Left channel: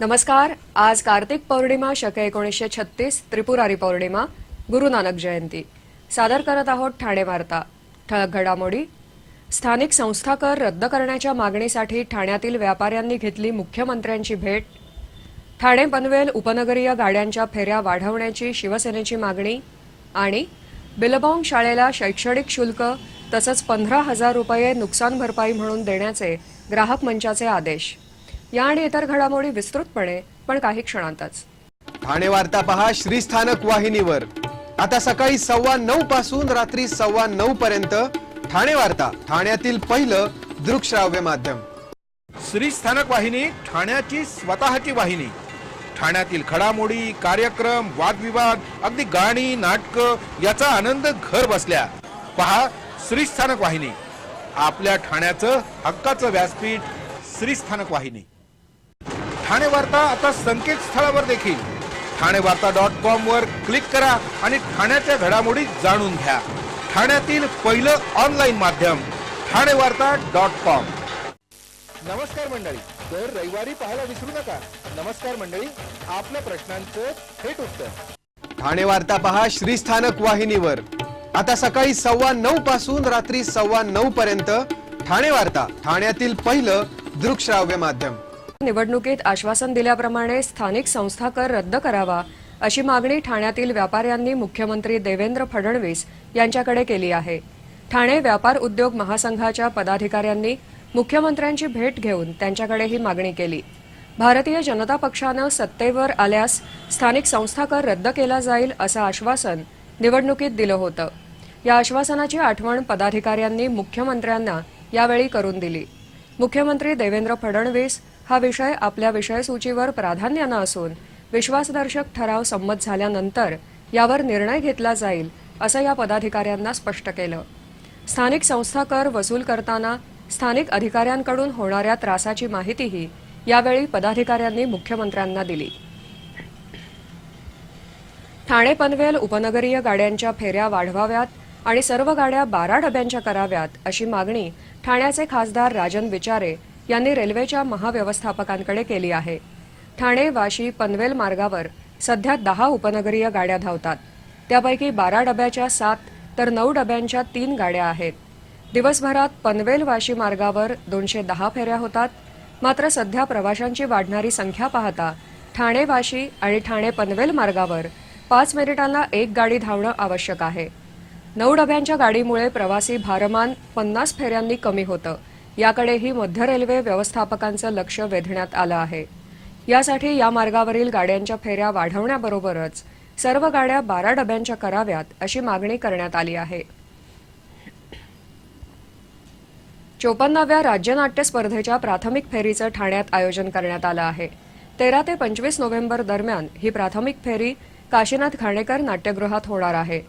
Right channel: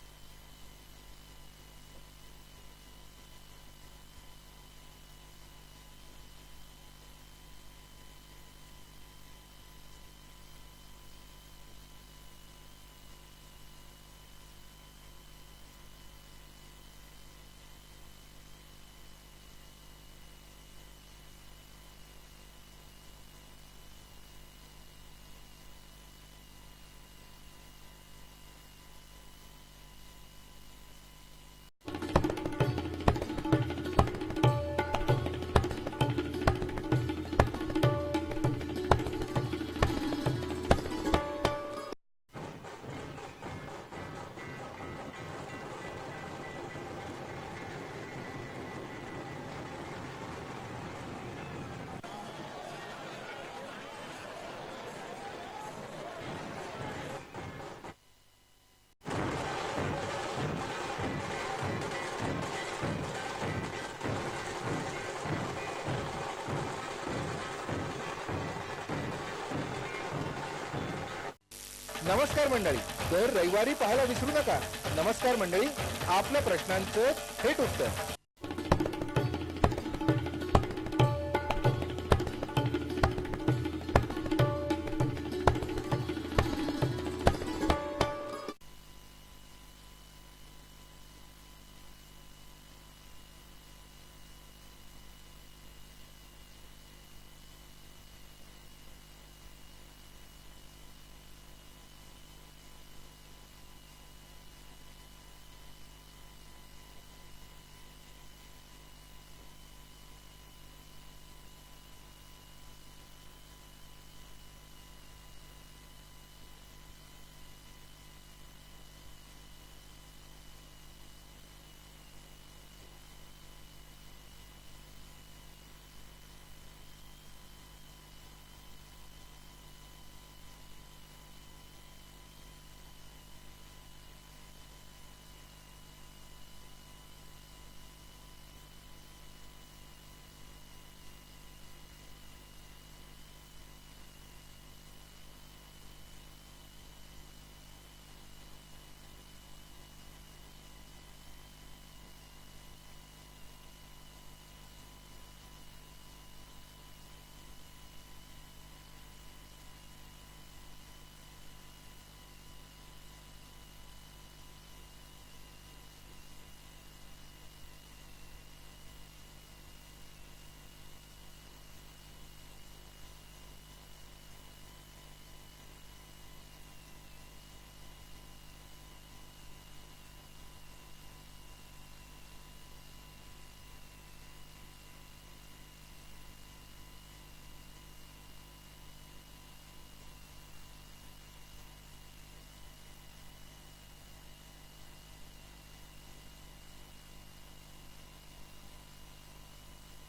नमस्कार। आज कार्तिक पौर्णिमा शके 1936 त्रिपुरारी पौर्णिमा गुरु नानक जयंती सादर करत आहोत ठाणे वार्ता। ठळक घडामोडी। स्थानिक संस्था कर रद्द करण्याच्या मागणीसाठी ठाण्यातील व्यापाऱ्यांनी घेतली मुख्यमंत्र्यांची भेट। ठाणे पनवेल उपनगरीय गाड्यांच्या फेऱ्या वाढवण्याची शिवसेनेची मागणी आणि बिलबाँग शाळेला शैक्षणिक शुल्क तसंच 15,000 रुपये नुकसान भरपाई म्हणून देण्याचे ग्राहक मंचाचे आदेश। या आणि इतर घडामोडी विस्तृतपणे पण काही क्षणांतच। ठाणे वार्ता पहा श्रीस्थानक वाहिनीवर। आता सकाळी 9:15 पासून रात्री 9:15 पर्यंत ठाणे वार्ता, ठाण्यातील पहिलं दृकश्राव्य माध्यम। श्रीस्थानक वाहिनी ठाण्याची स्वतःची वाहिनी। ठाण्यातील घडामोडी, कार्यक्रम, वादविवाद, अगदी गाणी, नाटक याचा आनंद घर बसल्या पहा श्रीस्थानक वाहिनी। आपल्या ठाण्याचं हक्काचं व्यासपीठ श्रीस्थानक वाहिनी। ठाणे वार्ता आता संकेतस्थळावर देखील ठाणेवार्ता.com वर क्लिक करा आणि ठाण्याच्या घडामोडी जाणून घ्या। ठाण्यातील पहिलं ऑनलाईन माध्यम ठाणेवार्ता.com। नमस्कार मंडळी, दर रविवारी पाहायला विसरू नका। नमस्कार मंडळी, आपल्या प्रश्नांचं थेट उत्तर। ठाणे वार्ता पहा श्रीस्थानक वाहिनीवर। आता सकाळी 9:15 पासून रात्री 9:15 पर्यंत ठाणे वार्ता, ठाण्यातील पहिलं दृकश्राव्य माध्यम। निवडणुकीत आश्वासन दिल्याप्रमाणे स्थानिक संस्था कर रद्द करावा अशी मागणी ठाण्यातील व्यापाऱ्यांनी मुख्यमंत्री देवेंद्र फडणवीस यांच्याकडे केली आहे। ठाणे व्यापार उद्योग महासंघाच्या पदाधिकाऱ्यांनी मुख्यमंत्र्यांची भेट घेऊन त्यांच्याकडे ही मागणी केली। भारतीय जनता पक्षानं सत्तेवर आल्यास स्थानिक संस्था कर रद्द केला जाईल असं आश्वासन निवडणुकीत दिलं होतं। या आश्वासनाची आठवण पदाधिकाऱ्यांनी मुख्यमंत्र्यांना यावेळी करून दिली। मुख्यमंत्री देवेंद्र फडणवीस हा विषय आपल्या विषयसूचीवर प्राधान्यानं असून विश्वासदर्शक ठराव संमत झाल्यानंतर यावर निर्णय घेतला जाईल असं या पदाधिकाऱ्यांना स्पष्ट केलं। स्थानिक संस्था कर वसूल करताना स्थानिक अधिकाऱ्यांकडून होणाऱ्या त्रासाची माहितीही यावेळी पदाधिकाऱ्यांनी मुख्यमंत्र्यांना दिली। ठाणे पनवेल उपनगरीय गाड्यांच्या फेऱ्या वाढवाव्यात आणि सर्व गाड्या 12 डब्यांच्या कराव्यात अशी मागणी ठाण्याचे खासदार राजन विचारे यांनी रेल्वेच्या महाव्यवस्थापकांकडे केली आहे। ठाणे वाशी पनवेल मार्गावर सध्या 10 उपनगरीय गाड्या धावतात। त्यापैकी 12 डब्याच्या 7 तर 9 डब्यांच्या 3 गाड्या आहेत। दिवसभरात पनवेल वाशी मार्गावर 210 फेऱ्या होतात। मात्र सध्या प्रवाशांची वाढणारी संख्या पाहता ठाणे वाशी आणि ठाणे पनवेल मार्गावर 5 मिनिटांना एक गाडी धावणं आवश्यक आहे। 9 डब्यांच्या गाडीमुळे प्रवासी भारमान 50 फेऱ्यांनी कमी होतं। याकडेही मध्य रेल्वे व्यवस्थापकांचं लक्ष वेधण्यात आलं आहे। यासाठी या मार्गावरील गाड्यांच्या फेऱ्या वाढवण्याबरोबरच सर्व गाड्या 12 डब्यांच्या कराव्यात अशी मागणी करण्यात आली आहे। 54व्या राज्य नाट्य स्पर्धेच्या प्राथमिक फेरीचं ठाण्यात आयोजन करण्यात आलं आहे। 13 ते 25 नोव्हेंबर दरम्यान ही प्राथमिक फेरी काशीनाथ घाणेकर नाट्यगृहात होणार आहे।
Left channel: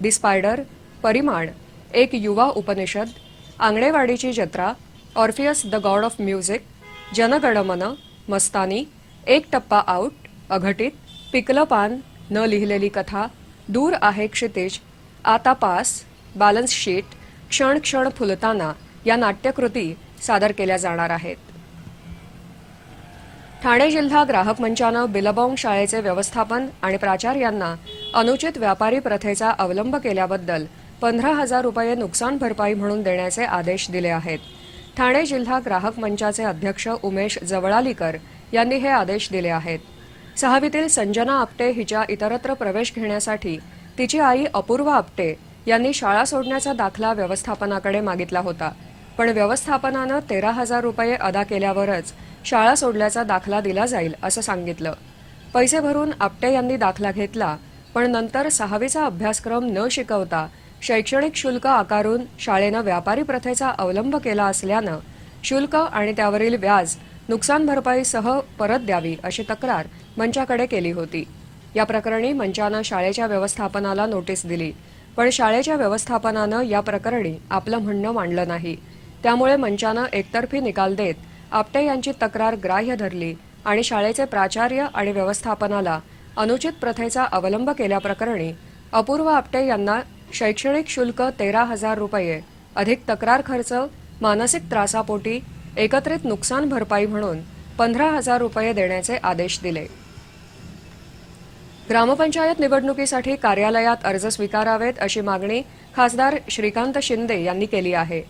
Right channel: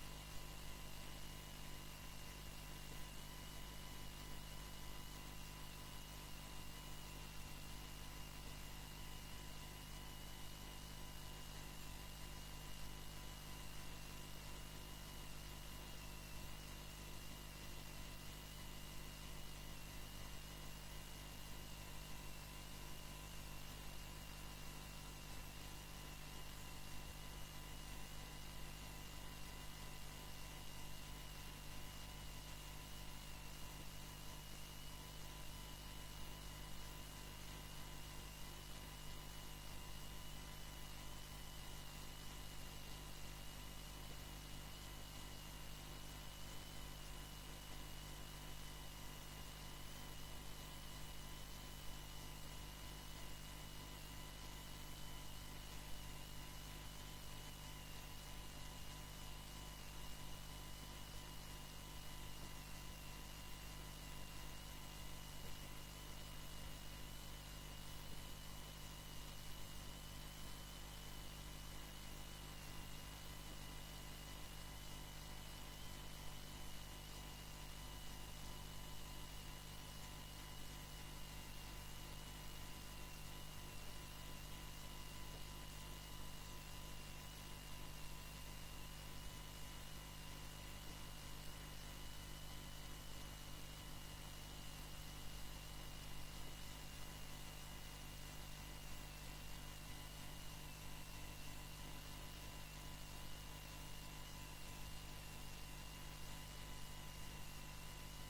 दी स्पायडर, परिमाण, एक युवा उपनिषद, आंगणेवाडीची जत्रा, Orpheus the god of music, Janaganamana, Mastani, एक टप्पा आउट, अघटित, पिकलं पान, न लिहिलेली कथा, दूर आहे क्षितिज, आता पास, बॅलन्स शीट, क्षण क्षण फुलताना या नाट्यकृती सादर केल्या जाणार आहेत। ठाणे जिल्हा ग्राहक मंचानं बिलबाँग शाळेचे व्यवस्थापन आणि प्राचार्यांना अनुचित व्यापारी प्रथेचा अवलंब केल्याबद्दल 15,000 रुपये नुकसान भरपाई म्हणून देण्याचे आदेश दिले आहेत। ठाणे जिल्हा ग्राहक मंचाचे अध्यक्ष उमेश जवळालीकर यांनी हे आदेश दिले आहेत। सहावीतील संजना आपटे हिच्या इतरत्र प्रवेश घेण्यासाठी तिची आई अपूर्वा आपटे यांनी शाळा सोडण्याचा दाखला व्यवस्थापनाकडे मागितला होता, पण व्यवस्थापनानं 13,000 रुपये अदा केल्यावरच शाळा सोडल्याचा दाखला दिला जाईल असं सांगितलं। पैसे भरून आपटे यांनी दाखला घेतला, पण नंतर 6वीचा अभ्यासक्रम न शिकवता शैक्षणिक शुल्क आकारून शाळेनं व्यापारी प्रथेचा अवलंब केला असल्यानं शुल्क आणि त्यावरील व्याज नुकसान भरपाईसह परत द्यावी अशी तक्रार मंचाकडे केली होती। या प्रकरणी मंचानं शाळेच्या व्यवस्थापनाला नोटीस दिली, पण शाळेच्या व्यवस्थापनानं या प्रकरणी आपलं म्हणणं मांडलं नाही। त्यामुळे मंचानं एकतर्फी निकाल देत आपटे यांची तक्रार ग्राह्य धरली आणि शाळेचे प्राचार्य आणि व्यवस्थापनाला अनुचित प्रथेचा अवलंब केल्याप्रकरणी अपूर्व आपटे यांना शैक्षणिक शुल्क 13,000 रुपये अधिक तक्रार खर्च, मानसिक त्रासापोटी एकत्रित नुकसान भरपाई म्हणून 15,000 रुपये देण्याचे आदेश दिले. ग्रामपंचायत निवडणुकीसाठी कार्यालयात अर्ज स्वीकारावेत अशी मागणी खासदार श्रीकांत शिंदे यांनी केली आहे.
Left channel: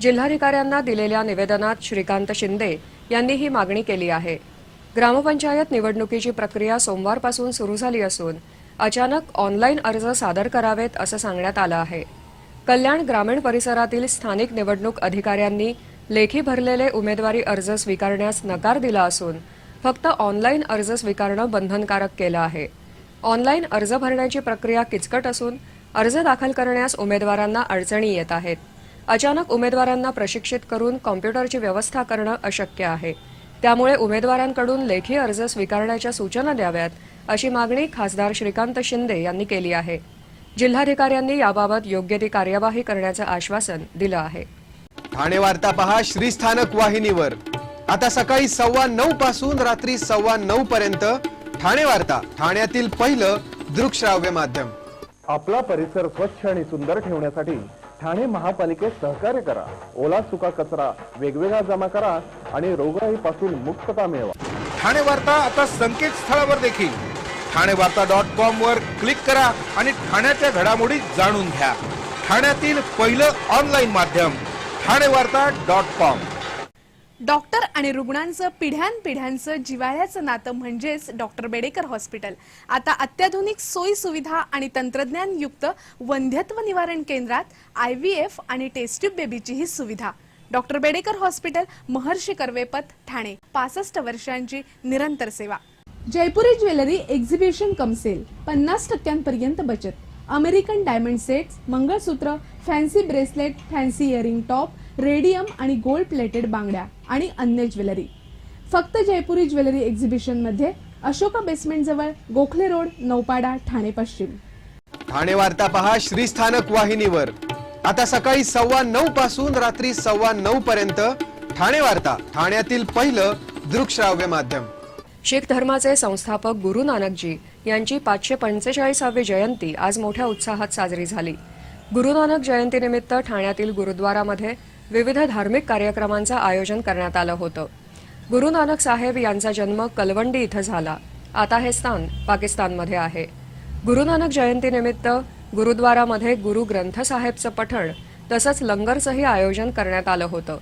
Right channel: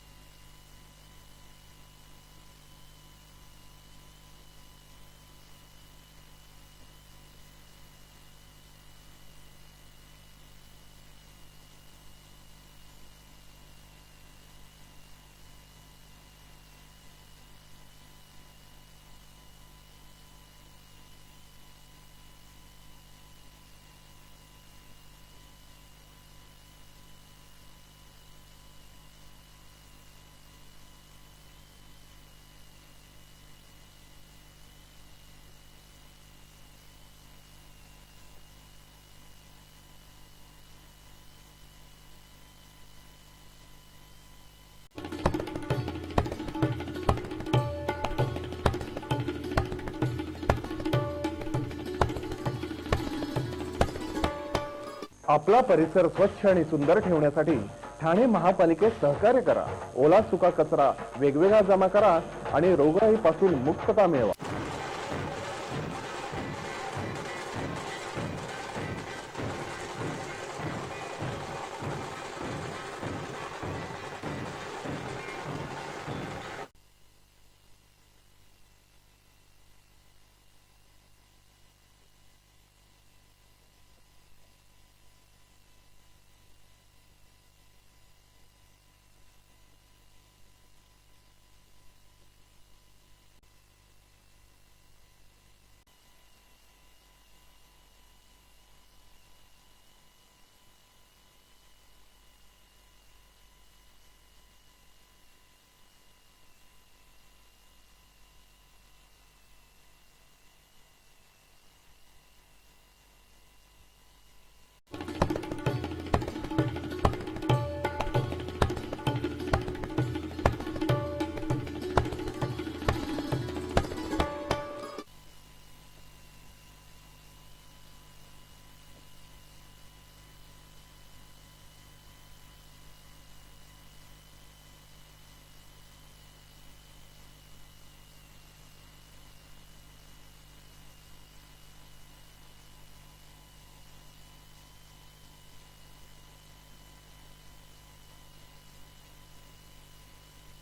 जिल्हाधिकाऱ्यांना दिलेल्या निवेदनात श्रीकांत शिंदे यांनी ही मागणी केली आहे. ग्रामपंचायत निवडणुकीची प्रक्रिया सोमवारपासून सुरू झाली असून अचानक ऑनलाईन अर्ज सादर करावेत असं सांगण्यात आलं आहे. कल्याण ग्रामीण परिसरातील स्थानिक निवडणूक अधिकाऱ्यांनी लेखी भरलेले उमेदवारी अर्ज स्वीकारण्यास नकार दिला असून फक्त ऑनलाईन अर्ज स्वीकारणं बंधनकारक केलं आहे. ऑनलाईन अर्ज भरण्याची प्रक्रिया किचकट असून अर्ज दाखल करण्यास उमेदवारांना अडचणी येत आहेत. अचानक उमेदवारांना प्रशिक्षित करून कॉम्प्युटरची व्यवस्था करणं अशक्य आहे. त्यामुळे उमेदवारांकडून लेखी अर्ज स्वीकारण्याच्या सूचना द्याव्यात अशी मागणी खासदार श्रीकांत शिंदे यांनी केली आहे. जिल्हाधिकाऱ्यांनी याबाबत योग्य ती कार्यवाही करण्याचं आश्वासन दिलं आहे. ठाणे वार्ता पहा श्रीस्थानक वाहिनीवर. आता सकाळी 9:15 पासून रात्री 9:15 पर्यंत ठाणे वार्ता, ठाण्यातील पहिलं दृकश्राव्य माध्यम. आपला परिसर स्वच्छ आणि सुंदर ठेवण्यासाठी ठाणे महापालिकेत सहकार्य करा. ओला सुका कचरा वेगवेगळा जमा करा आणि रोगराईपासून मुक्तता मिळवा. ठाणे वार्ता आता संकेतस्थळावर देखील ठाणेवार्ता.com वर क्लिक करा आणि ठाण्याच्या घडामोडी जाणून घ्या. ठाण्यातील पहिलं ऑनलाईन माध्यम ठाणेवार्ता.com. डॉक्टर आणि रुग्णांचं पिढ्यानपिढ्यांचं जिव्हाळ्याचं नातं म्हणजेच डॉक्टर बेडेकर हॉस्पिटल. आता अत्याधुनिक सोयी सुविधा आणि तंत्रज्ञानयुक्त वंध्यत्व निवारण केंद्रात IVF आणि टेस्ट ट्यूब बेबीचीही सुविधा. Doctor Bedekar hospital, Maharshi Karvepath, Thane. 65 वर्षांची निरंतर सेवा. Jaipuri jewellery exhibition cum sale, 50% बचत. American diamond sets, mangalsutra, fancy bracelet, fancy earring top, radium आणि गोल्ड प्लेटेड बांगड्या आणि अन्य ज्वेलरी फक्त जयपुरी ज्वेलरी एक्झिबिशन मध्ये, अशोका बेसमेंट जवळ, गोखले रोड, नौपाडा, ठाणे पश्चिम. ठाणे वार्ता पहा श्रीस्थानक वाहिनीवर. आता सकाळी 9:15 पासून रात्री 9:15 पर्यंत ठाणे वार्ता, ठाण्यातील पहिलं दृकश्राव्य माध्यम. शीख धर्माचे संस्थापक गुरु नानकजी यांची 545वी जयंती आज मोठ्या उत्साहात साजरी झाली. गुरु नानक जयंतीनिमित्त ठाण्यातील गुरुद्वारामध्ये विविध धार्मिक कार्यक्रमांचं आयोजन करण्यात आलं होतं. गुरु नानक साहेब यांचा जन्म कलवंडी इथं झाला. आता हे स्थान पाकिस्तानमध्ये आहे. गुरु नानक जयंतीनिमित्त गुरुद्वारामध्ये गुरु ग्रंथ साहेबचं पठण तसंच लंगरचंही आयोजन करण्यात आलं होतं.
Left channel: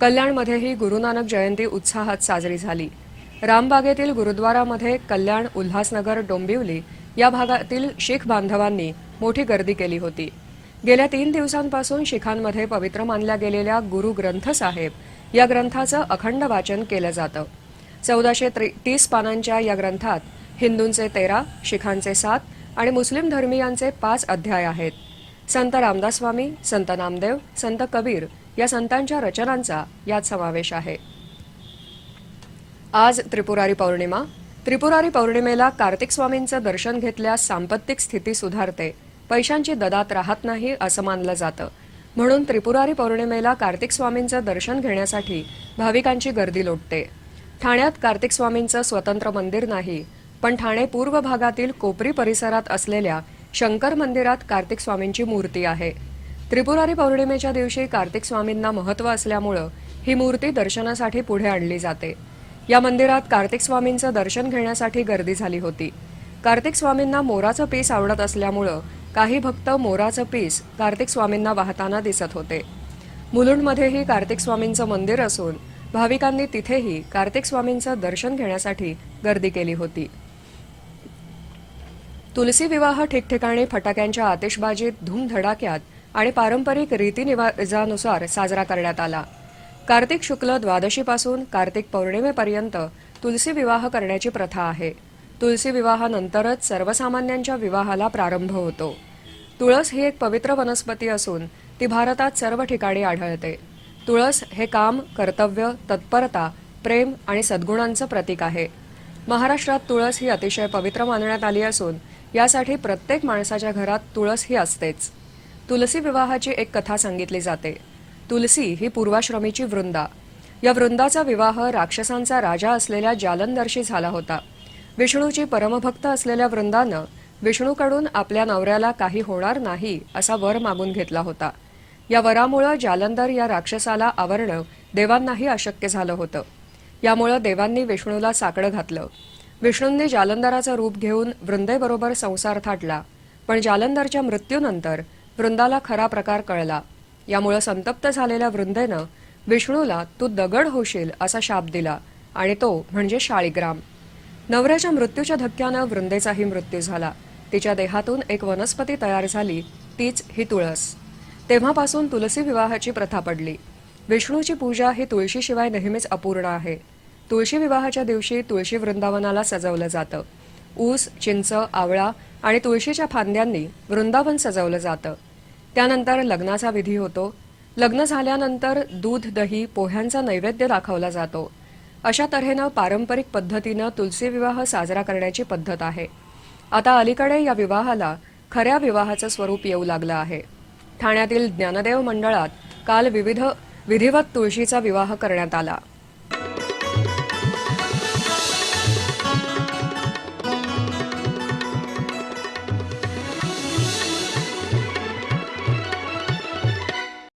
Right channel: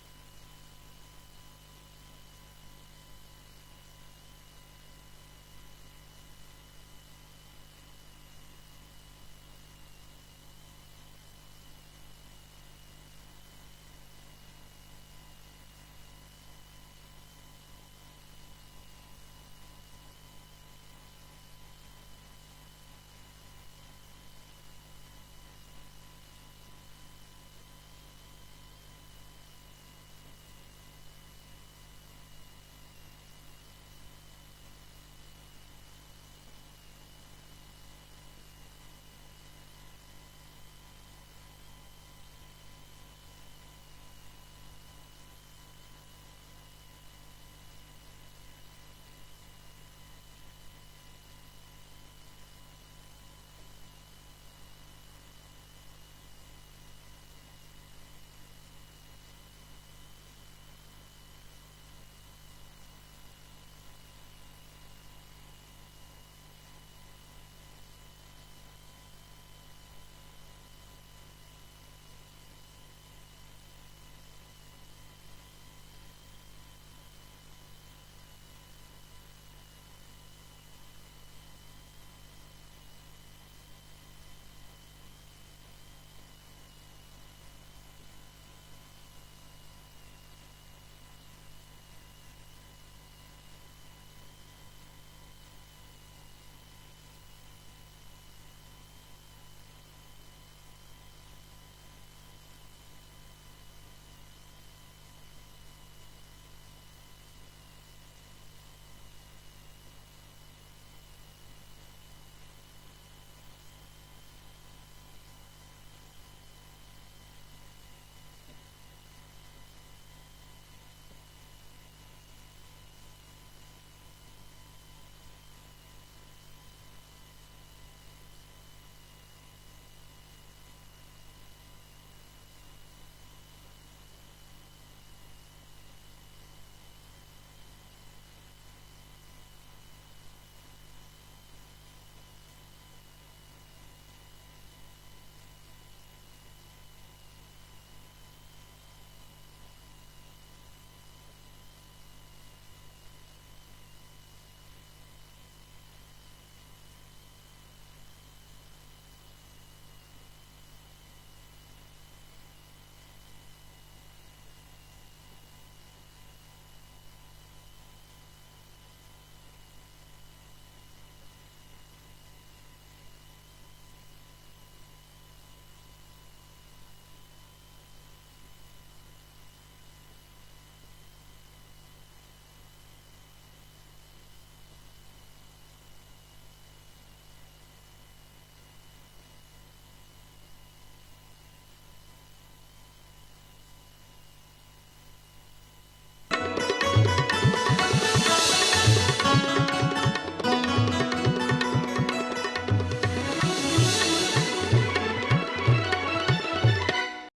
कल्याणमध्येही गुरु नानक जयंती उत्साहात साजरी झाली. रामबागेतील गुरुद्वारामध्ये कल्याण, उल्हासनगर, डोंबिवली या भागातील शीख बांधवांनी मोठी गर्दी केली होती. गेल्या 3 दिवसांपासून शीखांमध्ये पवित्र मानल्या गेलेल्या गुरु ग्रंथ साहेब या ग्रंथाचं अखंड वाचन केलं जातं. 1430 पानांच्या या ग्रंथात हिंदूंचे 13, शीखांचे 7 आणि मुस्लिम धर्मीयांचे 5 अध्याय आहेत. संत रामदास स्वामी, संत नामदेव, संत कबीर या संतांच्या रचनांचा यात समावेश आहे. आज त्रिपुरारी पौर्णिमा. त्रिपुरारी पौर्णिमेला कार्तिक स्वामींचं दर्शन घेतल्यास सांपत्तिक स्थिती सुधारते, पैशांची ददात राहत नाही असं मानलं जातं. म्हणून त्रिपुरारी पौर्णिमेला कार्तिक स्वामींचं दर्शन घेण्यासाठी भाविकांची गर्दी लोटते. ठाण्यात कार्तिक स्वामींचं स्वतंत्र मंदिर नाही, पण ठाणे पूर्व भागातील कोपरी परिसरात असलेल्या शंकर मंदिरात कार्तिक स्वामींची मूर्ती आहे. त्रिपुरारी पौर्णिमेच्या दिवशी कार्तिक स्वामींना महत्त्व असल्यामुळं ही मूर्ती दर्शनासाठी पुढे आणली जाते. या मंदिरात कार्तिक स्वामींचं दर्शन घेण्यासाठी गर्दी झाली होती. कार्तिक स्वामींना मोराचं पीस आवडत असल्यामुळं काही भक्त मोराचं पीस कार्तिक स्वामींना वाहताना दिसत होते. मुलुंडमध्येही कार्तिक स्वामींचं मंदिर असून भाविकांनी तिथेही कार्तिक स्वामींचं दर्शन घेण्यासाठी गर्दी केली होती. तुलसी विवाह ठिकठिकाणी फटाक्यांच्या आतिषबाजीत धूमधडाक्यात आणि पारंपरिक रीतिरिवाजानुसार साजरा करण्यात आला. कार्तिक शुक्ल द्वादशीपासून कार्तिक पौर्णिमेपर्यंत तुलसी विवाह करण्याची प्रथा आहे. तुलसी विवाहानंतरच सर्वसामान्यांच्या विवाहाला प्रारंभ होतो. तुळस ही एक पवित्र वनस्पती असून ती भारतात सर्व ठिकाणी आढळते. तुळस हे काम, कर्तव्य, तत्परता, प्रेम आणि सद्गुणांचं प्रतीक आहे. महाराष्ट्रात तुळस ही अतिशय पवित्र मानण्यात आली असून यासाठी प्रत्येक माणसाच्या घरात तुळस ही असतेच. तुलसी विवाहाची एक कथा सांगितली जाते. तुलसी ही पूर्वाश्रमीची वृंदा. या वृंदाचा विवाह राक्षसांचा राजा असलेल्या जालंधरशी झाला होता. विष्णूची परमभक्त असलेल्या वृंदानं विष्णूकडून आपल्या नवऱ्याला काही होणार नाही असा वर मागून घेतला होता. या वरामुळे जालंधर या राक्षसाला आवरणं देवांनाही अशक्य झालं होतं. यामुळे देवांनी विष्णूला साकडं घातलं. विष्णूंनी जालंधराचं रूप घेऊन वृंदेबरोबर संसार थाटला, पण जालंधरच्या मृत्यूनंतर वृंदाला खरा प्रकार कळला. यामुळे संतप्त झालेल्या वृंदेनं विष्णूला तू दगड होशील असा शाप दिला आणि तो म्हणजे शाळीग्राम. नवऱ्याच्या मृत्यूच्या धक्क्यानं वृंदेचाही मृत्यू झाला. तिच्या देहातून एक वनस्पती तयार झाली, तीच ही तुळस. तेव्हापासून तुलसी विवाहाची प्रथा पडली. विष्णूची पूजा ही तुळशीशिवाय नेहमीच अपूर्ण आहे. तुळशी विवाहाच्या दिवशी तुळशी वृंदावनाला सजवलं जातं. ऊस, चिंच, आवळा आणि तुळशीच्या फांद्यांनी वृंदावन सजवलं जातं. त्यानंतर लग्नाचा विधी होतो. लग्न झाल्यानंतर दूध, दही, पोह्यांचा नैवेद्य दाखवला जातो. अशा तऱ्हेनं पारंपरिक पद्धतीनं तुलसी विवाह साजरा करण्याची पद्धत आहे. आता अलीकडे या विवाहाला खऱ्या विवाहाचं स्वरूप येऊ लागलं आहे. ठाण्यातील ज्ञानदेव मंडळात काल विधिवत तुळशीचा विवाह करण्यात आला.